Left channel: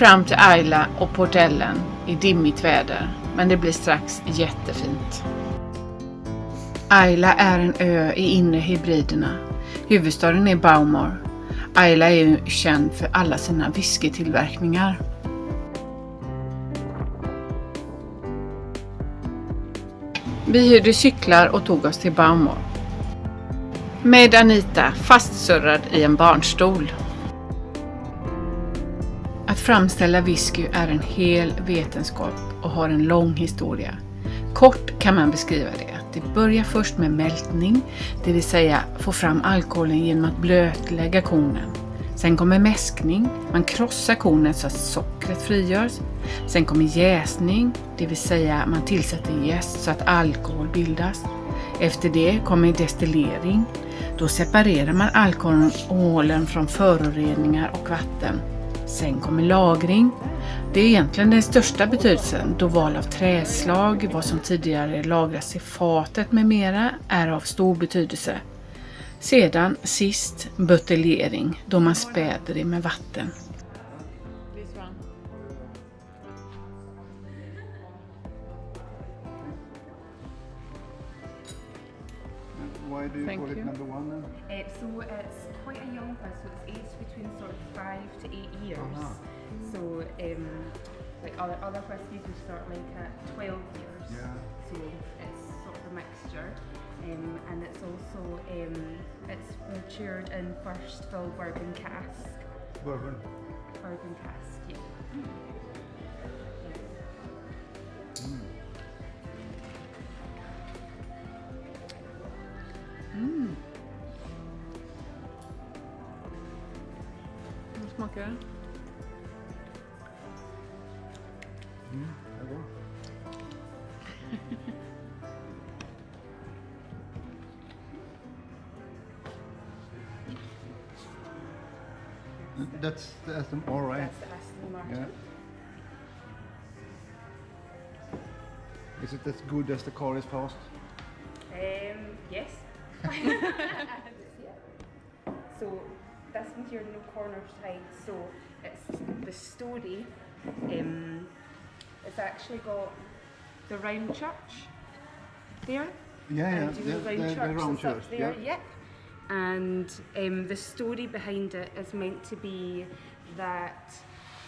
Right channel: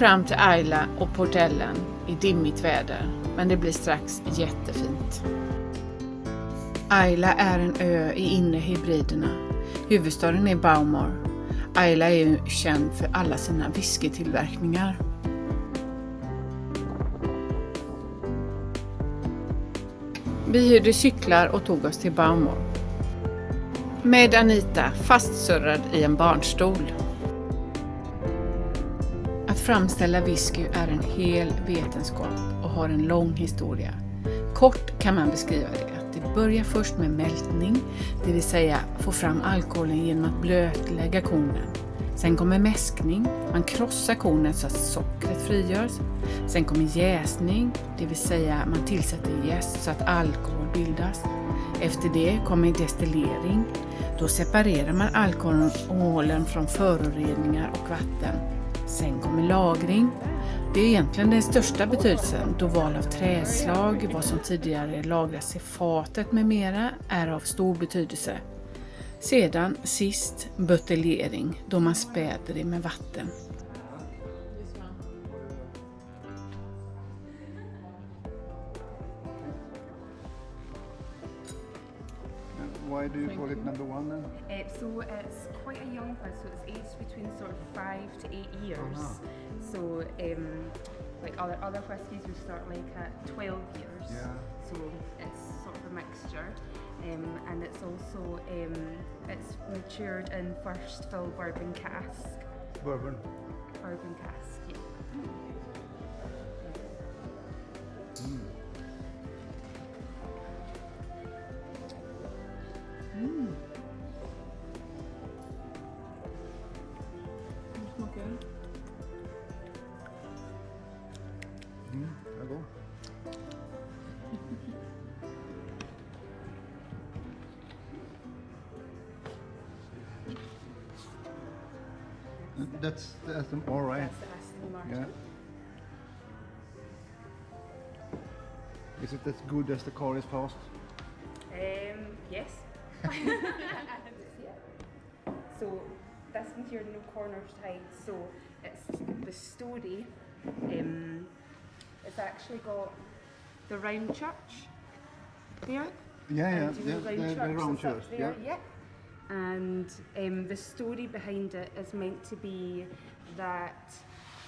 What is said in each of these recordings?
fram till Ayla och Port Ellen i dimmigt väder, men det blir strax jättefint. Ayla är en ö i inre Hebriderna. Huvudstaden är Bowmore. Ayla är ju känd för alla sina whiskytillverkningar. Vi hyrde cyklar och tog oss till Bowmore. Med Anita fastsurrad i en barnstol. Att framställa whisky är en hel vetenskap och har en lång historia. Kort kan man beskriva det. Det börjar först med mältning, det vill säga få fram alkoholen genom att blötlägga kornen. Sen kommer mäskning, man krossar kornet så att sockret frigörs. Sen kommer jäsning, det vill säga man tillsätter jäst så att alkohol bildas. Efter det kommer destillering, då separerar man alkoholen från föroreningar och vatten. Sen kommer lagring. Det är egentligen den största betydelsen då val av träslag, vad som tidigare lagras i fatet med mera, är av stor betydelse. Sedan sist buteljering då man späder det med vatten. Why do you call it number one then? So it's quite a young one, so it's aged between sort of 5 to 8 years. So like other whiskies we start like at 12 years. Yeah. So it's sort of a mixture. And it's also it's matured in first fill bourbon cask. Bourbon. Bourbon cask, yeah. Hur smakar det? Det går. That's all right. That's the Aston Martin. Yeah. Is it as good as the car is past? Yes. So this one's your no corners height. So it's the story. It's actually got the round church there. Yeah, And you know the round that's up church. there, Yeah. And the story behind it is meant to be that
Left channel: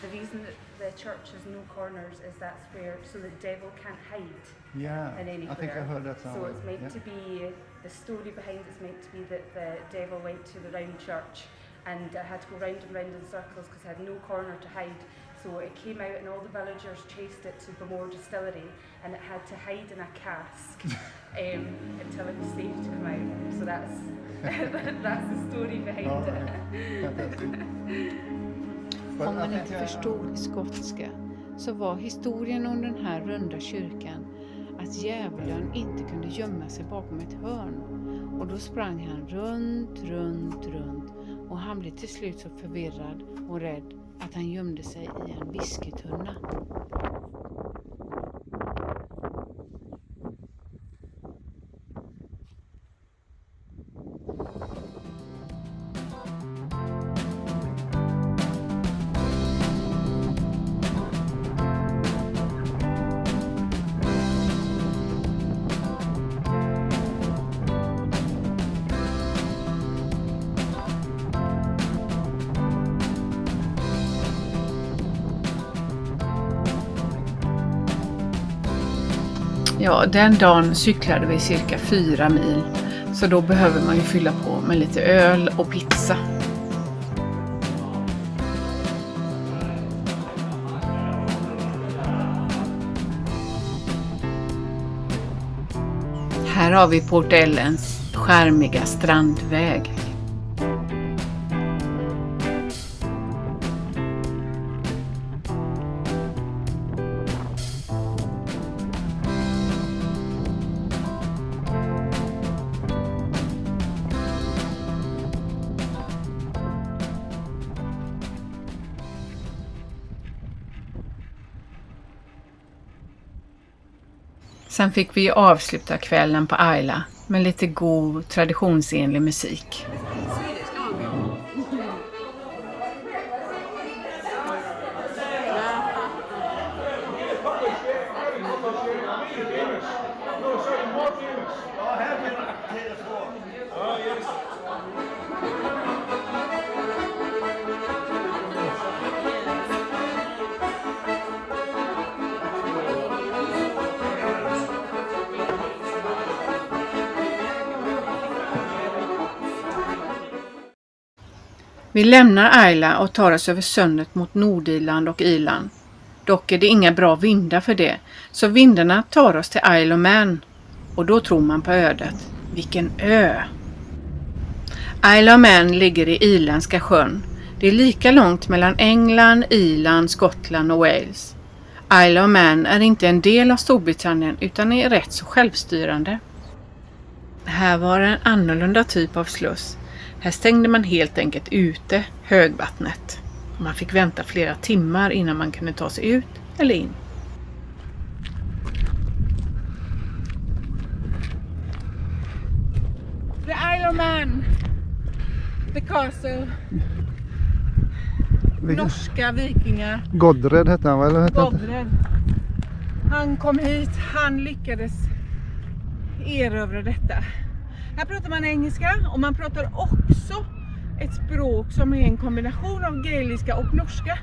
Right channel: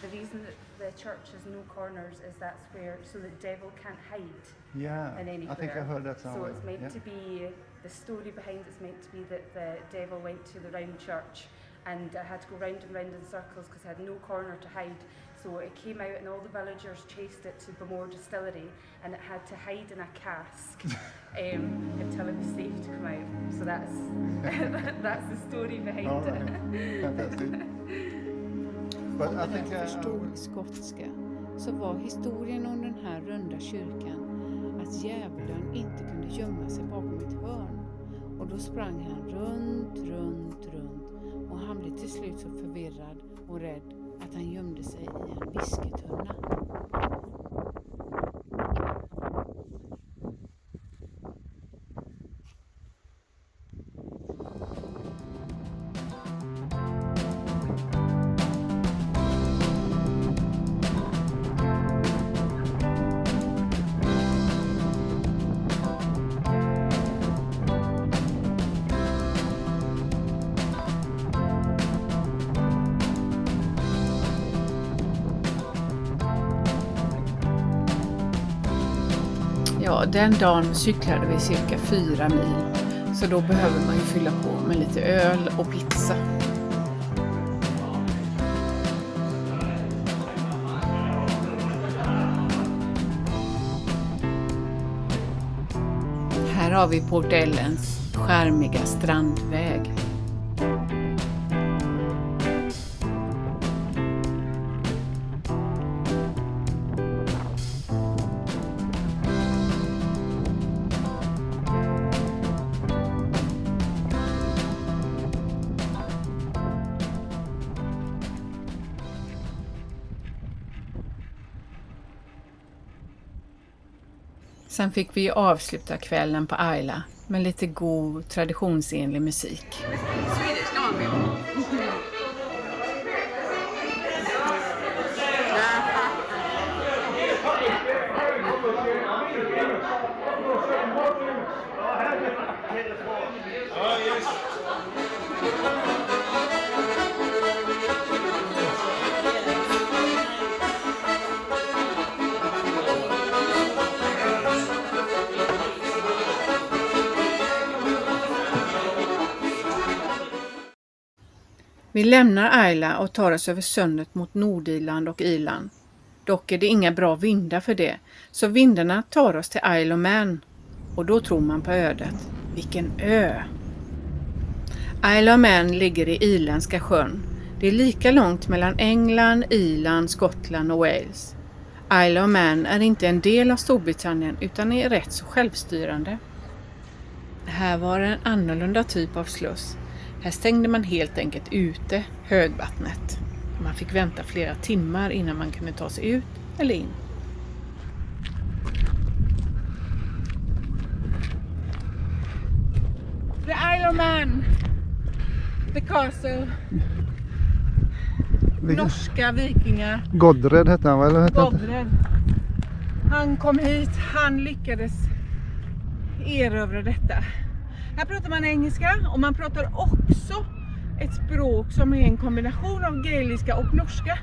the reason that the church has no corners is that's where so the devil can't hide Yeah. in anywhere. I think I heard that So somewhere. it's meant Yeah. to be the story behind it's meant to be that the devil went to the round church and had to go round and round in circles because it had no corner to hide. So it came out and all the villagers chased it to Bowmore Distillery and it had to hide in a cask until it was safe to come out. So that's that's the story behind All it. right. Fantastic. But Om I du think förstod skotska så var historien om den här runda kyrkan att djävulen inte kunde gömma sig bakom ett hörn. Och då sprang han runt och han blev till slut så förvirrad och rädd att han gömde sig i en whiskytunna. Ja, den dagen cyklade vi cirka 4 mil, så då behöver man ju fylla på med lite öl och pizza. Här har vi Port Ellens skärmiga strandväg. Sen fick vi avsluta kvällen på Ayla med lite god traditionsenlig musik. Vi lämnar Islay och tar oss över sundet mot Nordirland och Irland. Dock är det inga bra vindar för det, så vindarna tar oss till Isle of Man. Och då tror man på ödet. Vilken ö! Isle of Man ligger i Irländska sjön. Det är lika långt mellan England, Irland, Skottland och Wales. Isle of Man är inte en del av Storbritannien utan är rätt så självstyrande. Här var en annorlunda typ av sluss. Här stängde man helt enkelt ute högvattnet. Man fick vänta flera timmar innan man kunde ta sig ut eller in. The Isle of Man. The castle. Norska vikingar. Godred hette han, eller? Godred. Han kom hit, han lyckades erövra detta. Här pratar man engelska och man pratar också ett språk som är en kombination av gaeliska och norska.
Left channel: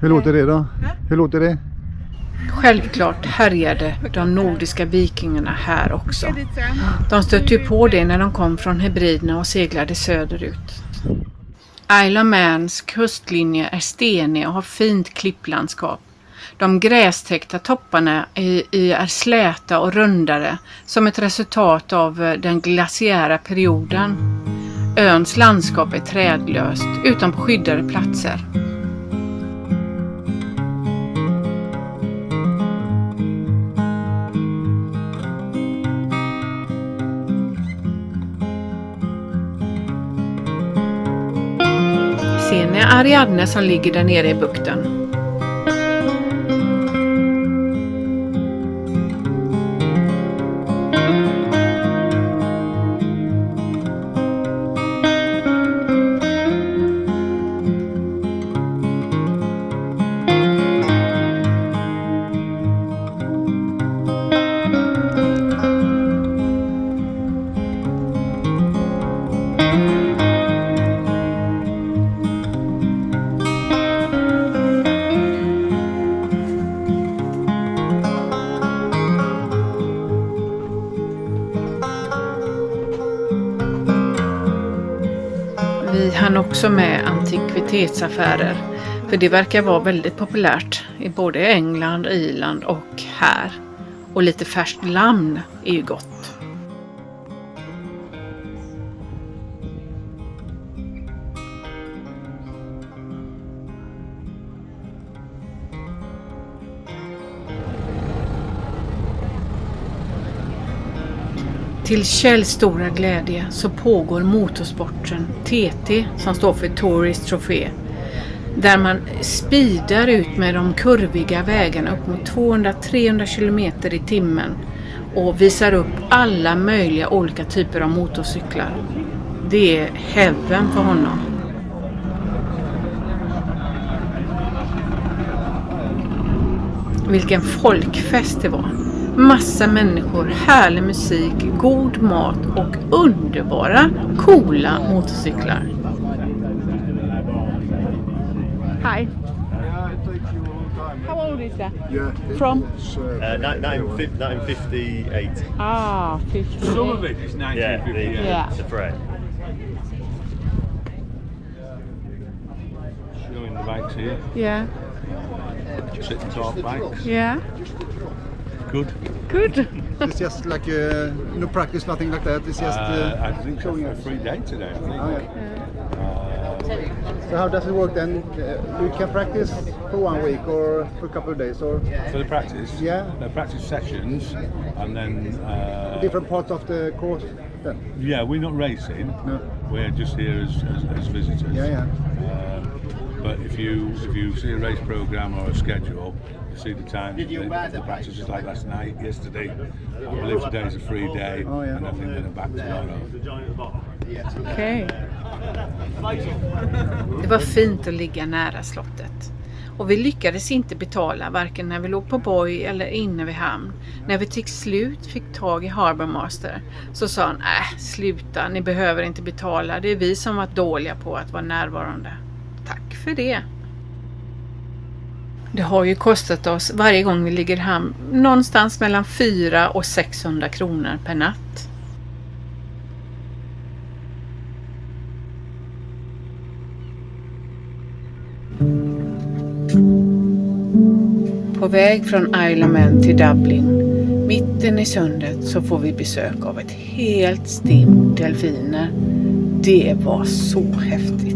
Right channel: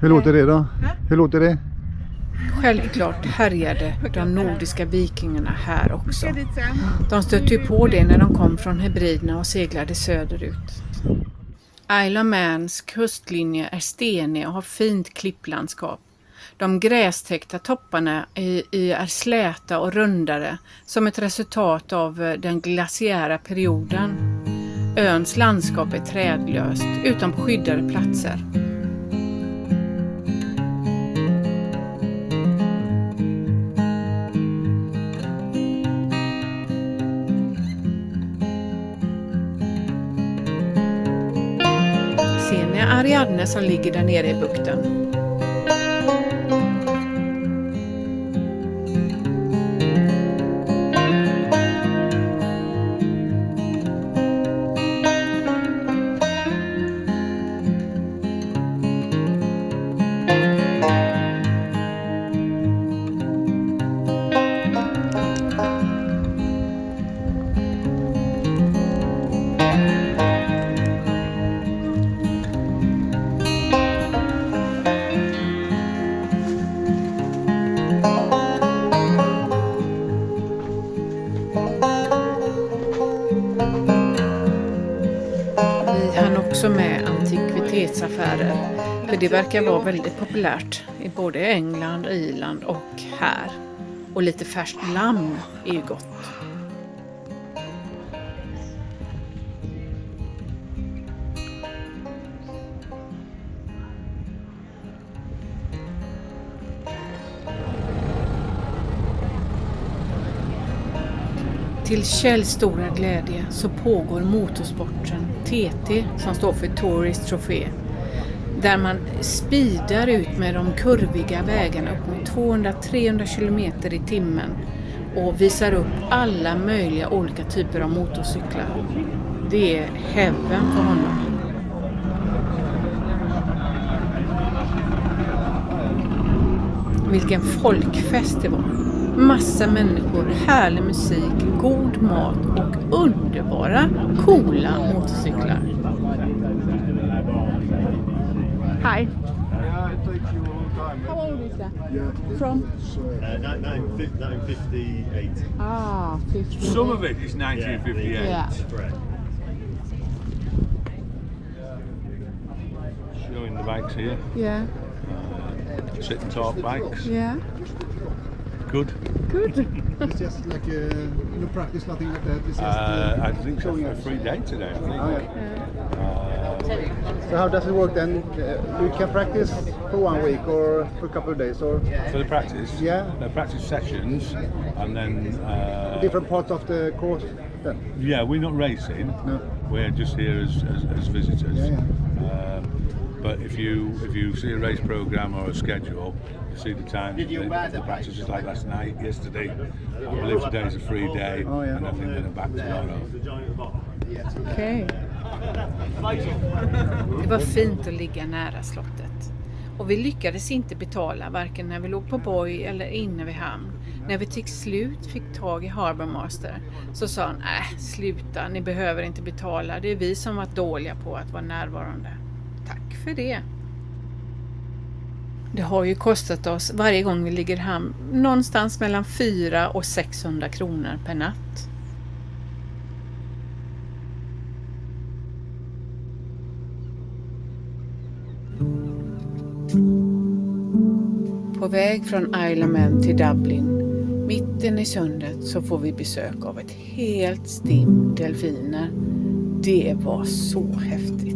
Hur låter det då? Hur låter det? Självklart härjade de nordiska vikingarna här också. De stötte ju på det när de kom från Hebriderna och seglade söderut. Isle of Mans kustlinje är stenig och har fint klipplandskap. De grästäckta topparna är släta och rundare som ett resultat av den glaciära perioden. Öns landskap är trädlöst utan på skyddade platser. Ser ni Ariadne som ligger där nere i bukten? Också med antikvitetsaffärer, för det verkar vara väldigt populärt i både England, Irland och här. Och lite färskt lamm är ju gott. Till Kjells stora glädje så pågår motorsporten TT, som står för Tourist Trophy, där man speedar ut med de kurviga vägarna upp mot 200-300 km i timmen och visar upp alla möjliga olika typer av motorcyklar. Det är heaven för honom. Vilken folkfest det var. Massa människor, härlig musik, god mat och underbara, coola motorcyklar. Hi. How old is that? From? 1958. Ah, 50. Some of it is 1958. Yeah. The thread. Showing the bikes here. Yeah. Sit and talk bikes. Yeah. Good. Good. It's just like no practice, nothing like that. It's just I think it's showing a us. free day today, I think. Oh, yeah. So how does it work then? You can practice for 1 week or for a couple of days, or For the practice, Yeah. the practice sessions, and then different parts of the course then? yeah, we're not racing. No. We're just here as visitors. Yeah. But if you see a race program or a schedule, you see the time. The practice is like last night, yesterday. I believe today's a free day, Oh, yeah. and I think then I'm back tomorrow. Okej. Det var fint att ligga nära slottet. Och vi lyckades inte betala varken när vi låg på boj eller inne vid hamn. När vi till slut fick tag i Harbour Master så sa han, sluta, ni behöver inte betala. Det är vi som varit dåliga på att vara närvarande. Tack för det. Det har ju kostat oss varje gång vi ligger i hamn någonstans mellan 400 och 600 kronor per natt. På väg från Isle of Man till Dublin, mitten i sundet, så får vi besök av ett helt stim delfiner. Det var så häftigt.